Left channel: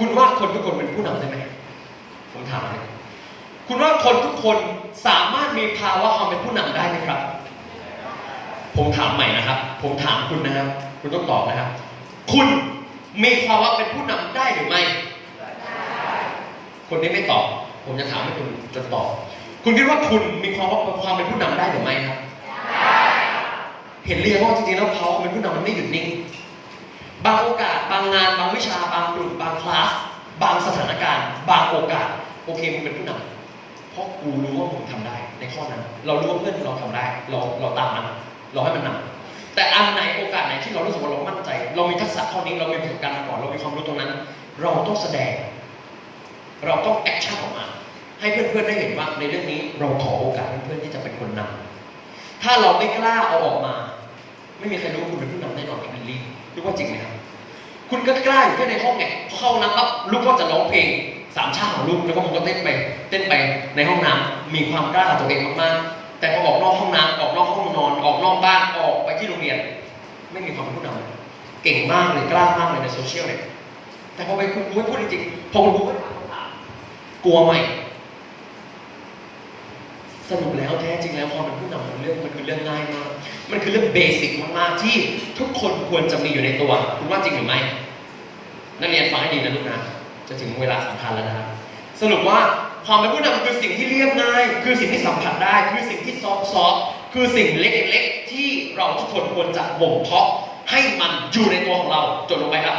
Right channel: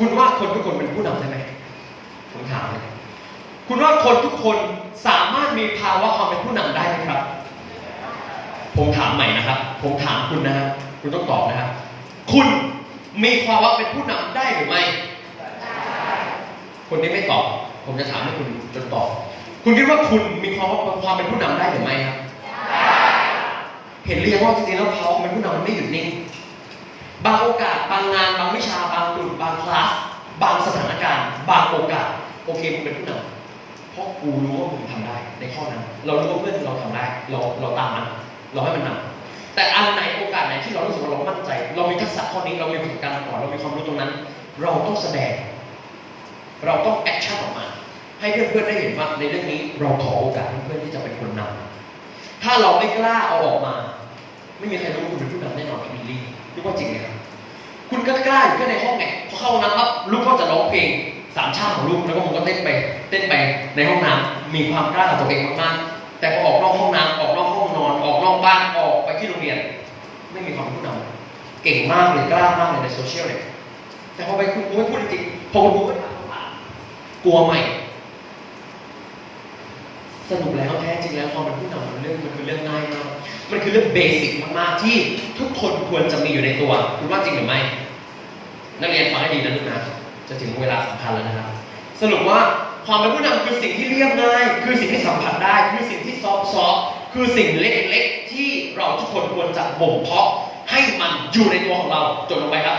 คุณว่าคนทุกคนเป็นผู้นำได้ไหมผมถามคุณว่าคนทุกคนสามารถมีภาวะความเป็นผู้นำได้ไหมครับ ผมถามใหม่นะครับ ผมถามคุณนะครับคุณต้องตอบนะครับ คุณมีภาวะเป็นผู้นำได้หรือไม่คนนี้ไม่ตอบ ผมจะถามให้คุณจนตอบ คุณคิดว่าคุณมีความว่าความเป็นผู้นำได้หรือไม่ครับเห็นเรียงว่าจริงๆแล้วเขาเป็นผู้นำมันไม่หยุดนิ่ง บางโอกาส บางงาน บางวิชา บาบาง คลาส บางสถานการณ์ บางโอกาส โอเคมึงเป็นผู้นำเพราะกูรู้ว่ามึงทำได้ ในข้อนั้น เรารู้ว่าเพื่อนเราทำได้ เราเราตามมันเราให้มันนำแต่อันไหนโอกาสไหนที่เรารู้สึกว่าเรามั่นใจ เรามีทักษะข้อนี้ เรามีประสบการณ์มาก่อน เรามีความรู้ตรงนั้น เราต้องแสดง เราต้องแอคชั่นออกมา ให้เพื่อนๆได้เห็นว่าในเรื่องนี้เราขอโอกาสให้เพื่อนที่จะเป็นคนนำถ้าเราไม่กล้าเอาออกมา ไม่มีใครรู้ว่าคุณเป็นผู้นำแน่นอนครับบิลลี่รู้ว่าจริงไหมครับ คุณก็กล้าอยู่แค่ในห้องไงพอเข้าห้องน้ำปั๊บลูกก็จะร้องเพลงสามชาติของลูกแล้วก็ผมก็เต้นไป เต้นไปในห้องน้ำมีความกล้าตัวเองมากๆแต่พอออกนอกห้องน้ำออกนอกห้องนอนออกนอกบ้านออกไปที่โรงเรียน ไม่มีความผู้นำเก่งมากเลยกล้ามากเลยในโซเชียลเลยแต่พอไปคุณครูให้พูดจริงพอคุณครูก็ถามคำถามกลัวไหม สรุปแล้วแท้จริงแล้วความเป็นผู้นำมันเรื่องมันคือเรื่องง่ายมากมันคือเรื่องเบสิกมากๆที่ทุกคนควรจะมีอยู่ในตัวคุณว่าจริงหรือไม่นักเรียนฟังให้ดีนะลูกนะจะถึงเวลาสำคัญแล้วนะครับสรุปว่าความเป็นผู้นำคือสิ่งที่เรียบง่ายคือสิ่งที่สัมผัสได้ คือสิ่งที่ซอฟซอฟคือสิ่งเล็กๆที่เราทุกคนควรจะบ่มเพาะให้มันอยู่ในตัวของเราจดลงไปครับ